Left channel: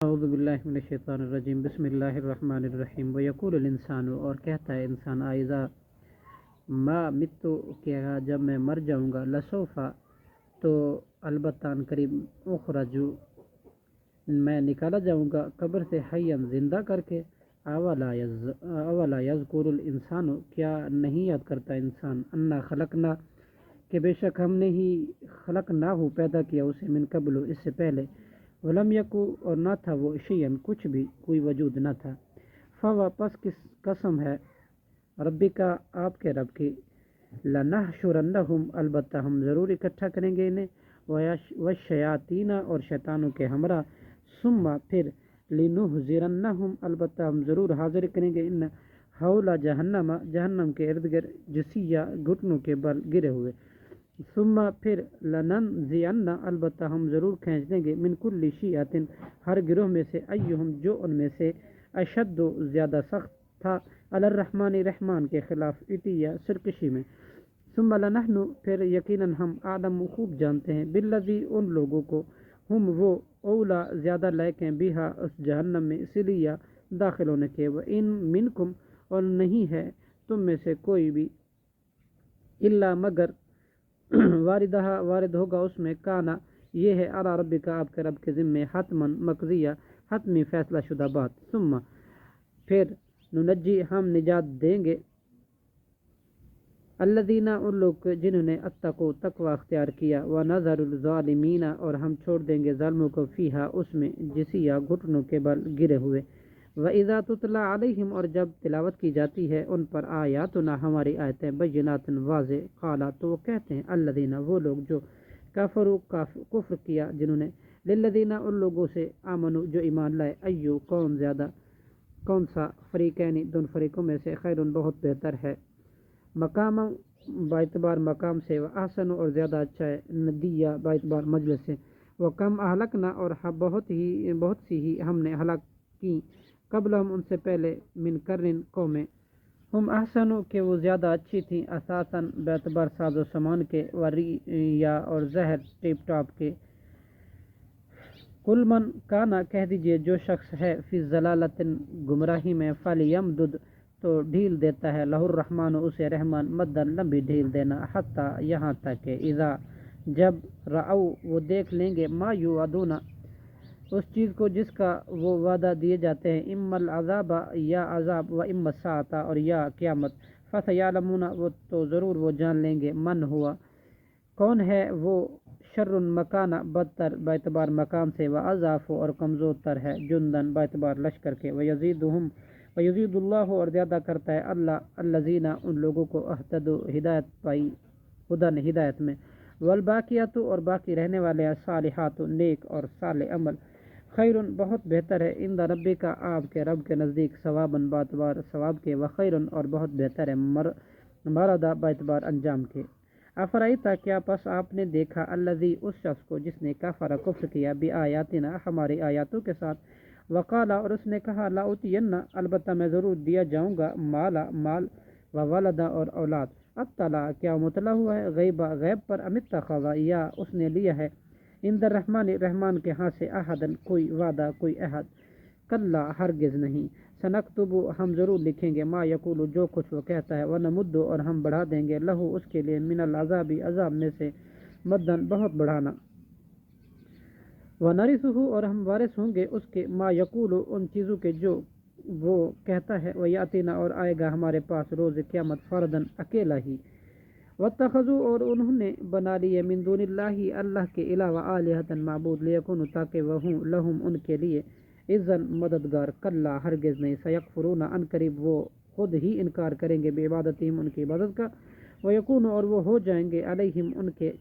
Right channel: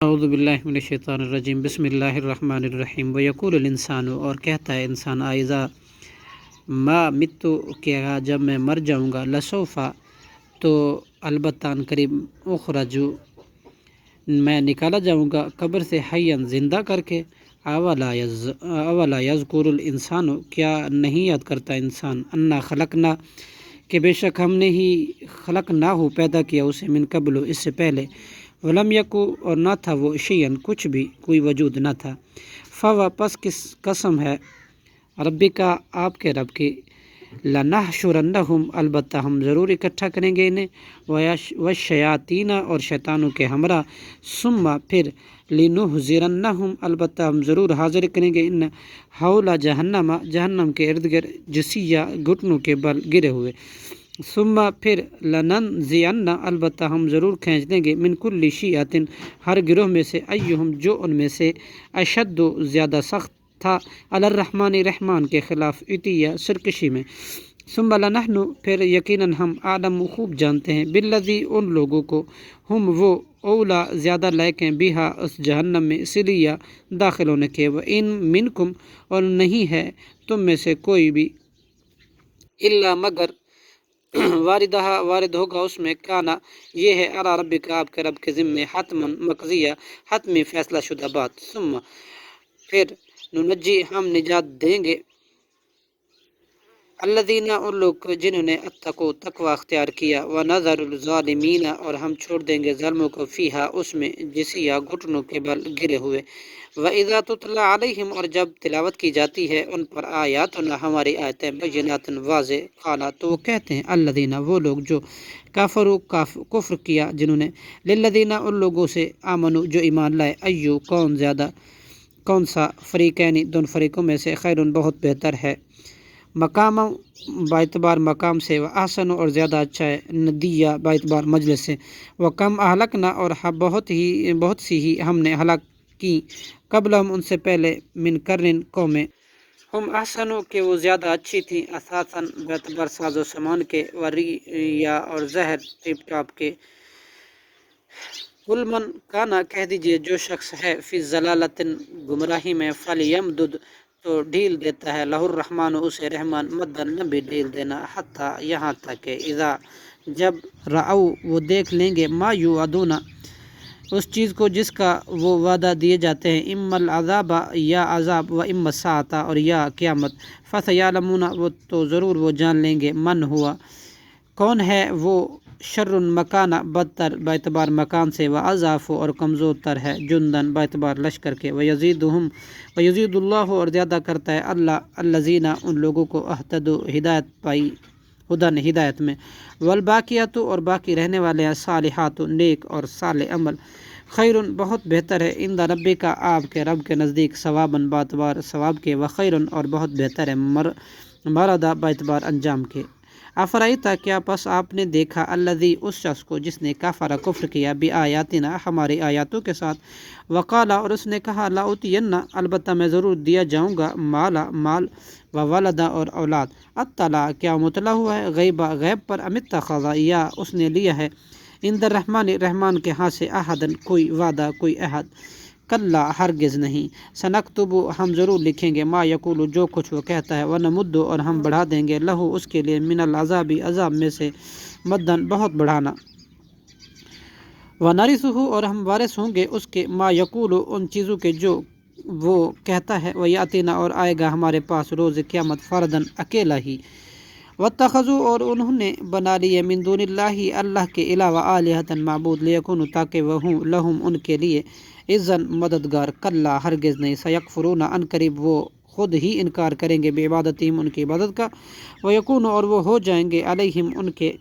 اعوذ باللہ من الشیطان الرجیم بسم اللہ الرحمن الرحیم ویقول الانسان، اور کہتا ہے انسان، آئذا ما متو، کیا جب میں مر جاؤں گا، لسوفا تو البتہ ان قریب، اخرجو میں نکالا جاؤں گا قبر سے، حیاً زندہ کر کے، اولا یذکر الانسان، کیا نہیں یاد کرتا انسان، انا خلقنا، کہ بے شک ہم نے ہی خلقنا ہو پیدا کیا اسے، من قبل اس سے پہلے، ولم یکو اور نہ تھا وہ، شیئن کچھ بھی، کوئی وجود نہ تھا، فوا پس کس قسم ہے، ربی کا آپ کے رب کی، لنحشرنہم البتہ ہم ضرور اکٹھا کریں گے انہیں، والشیاطین اور شیطانوں کے ہمراہ، ثم پھر، لنحضرنہم البتہ ہم ضرور حاضر کریں گے ان حول جہنم، جہنم کے ارد گرد، جسیہ گھٹنوں کے بل گرے ہوئے، ثم پھر، لننزعن البتہ ہم ضرور کھینچ دیں گے، من کل شیعۃ ہر گروہ میں سے، ایہم جو ان میں سے، اشد زیادہ سخت تھا، علی الرحمن رحمان کے خلاف، عتیہ سرکشی میں، ثم لنحن پھر یقیناً ہم، اعلم خوب جانتے ہیں، بالذی ان لوگوں کو، ہم وہ، اولا زیادہ لائق ہیں، بہا اس جہنم میں، سلیہ داخل ہونے کے، وان منکم اور نہیں ہے تم میں سے کوئی بھی، الا مگر، واردہ وارد ہوگا اس میں، کانا یہ ہے، علی ربک آپ کے رب کے ذمے، حتما مقضیہ حتمی فیصلہ شدہ بات، ثم پھر، ننجی ہم نجات دیں گے، الذین ان لوگ جنہوں نے، اتقوا تقوی اختیار کیا، ونذر الظالمین اور ہم چھوڑ دیں گے ظالموں کو، فیہا اس میں، جسیہ گھٹنوں کے بل گرے ہوئے، وَإِذَا تُتْلَى عَلَيْهِمْ اور جب تلاوت کی جاتی ہے ان پر، آیاتنا ہماری آیتیں، بینات واضح، قالا تو وہ کہتے ہیں، الذین وہ لوگ جو، کافروا کفر کیا جنہوں نے، للذین ان لوگوں سے، آمنوا جو ایمان لائے، ایو کون زیادہ، کون سا، فریقین دون فریقوں میں سے، خیرون بہت بہتر ہے، مقام باعتبار مقام سے، و احسن اور زیادہ اچھا ہے، ندیہ باعتبار مجلس سے، و کم اہلکنا اور بہت سی ہی ہم نے ہلاک کی، قبل ہم ان سے پہلے، من قرن قومیں، ہم احسنوں کہ وہ زیادہ اچھی تھی، اساساً باعتبار ساز و سامان کے، و ریا اور زہر ٹیپ ٹاپ کے، قل من کانا کہہ دیجئے جو شخص ہے، فی ضلالۃ گمراہی میں، فلیمدد تو ڈھیل دیتا ہے، لہ الرحمن اسے رحمان، مدن لمبی ڈھیل دینا، حتیٰ یہاں تک کہ، اذا جب، رأوا وہ دیکھ لیں گے، ما یوعدون اس چیز کو جس کا وہ وعدہ دیے جاتے ہیں، اما العذاب یا عذاب، و اما الساعۃ اور یا قیامت، فسیعلمون وہ تو ضرور وہ جان لیں گے، من ہوا کون ہے وہ، شر مکانہ بدتر باعتبار مکان سے، و اضعف اور کمزور تر ہے، جندن باعتبار لشکر کے، ویزید اللہ اور زیادہ کرتا ہے اللہ، الذین ان لوگوں کو، اہتدوا ہدایت پائی، ہدن ہدایت میں، والباقیات اور باقی رہنے والے ہیں، صالحات نیک اور صالح عمل، خیر بہت بہتر ہے، عند ربی کا آپ کے رب کے نزدیک، ثواباً باعتبار ثواب کے، وخیر اور بہت بہتر ہے، مردا باعتبار انجام کے، افرائیتا کیا پس آپ نے دیکھا، الذی اس شخص کو جس نے، کفر کفر کیا، بآیاتنا ہماری آیاتوں کے ساتھ، وقالا اور اس نے کہا، لاؤتینہ البتہ میں ضرور دیا جاؤں گا، مال، و ولدا اور اولاد، اطلع کیا مطلع ہوا ہے، غیبا غیب پر، ام اتخذ یا اس نے لیا ہے، عند الرحمن رحمان کے ہاں سے، احدن کوئی وعدہ، کوئی عہد، کلا ہرگز نہیں، سنکتب ہم ضرور لکھیں گے، ما یقول جو کچھ وہ کہتا ہے، ونمد اور ہم بڑھا دیں گے، لہو اس کے لیے، من العذاب عذاب میں سے، مدن بہت بڑھانا، ونرثہ اور ہم وارث ہوں گے اس کے، ما یقول ان چیزوں کے جو وہ کہتا ہے، ویاتینا اور آئے گا ہمارے پاس روز قیامت، فردن اکیلا ہی، واتخذوا اور انہوں نے بنا لیے، من دون اللہ اللہ کے علاوہ، آلہۃ معبود، لیکونوا تاکہ وہ ہوں، لہم ان کے لیے، عزاً مددگار، کلا ہرگز نہیں، سیکفرون ان قریب وہ خود ہی انکار کریں گے، بعبادتہم ان کی عبادت کا، ویکون اور وہ ہو جائیں گے، علیہم ان کے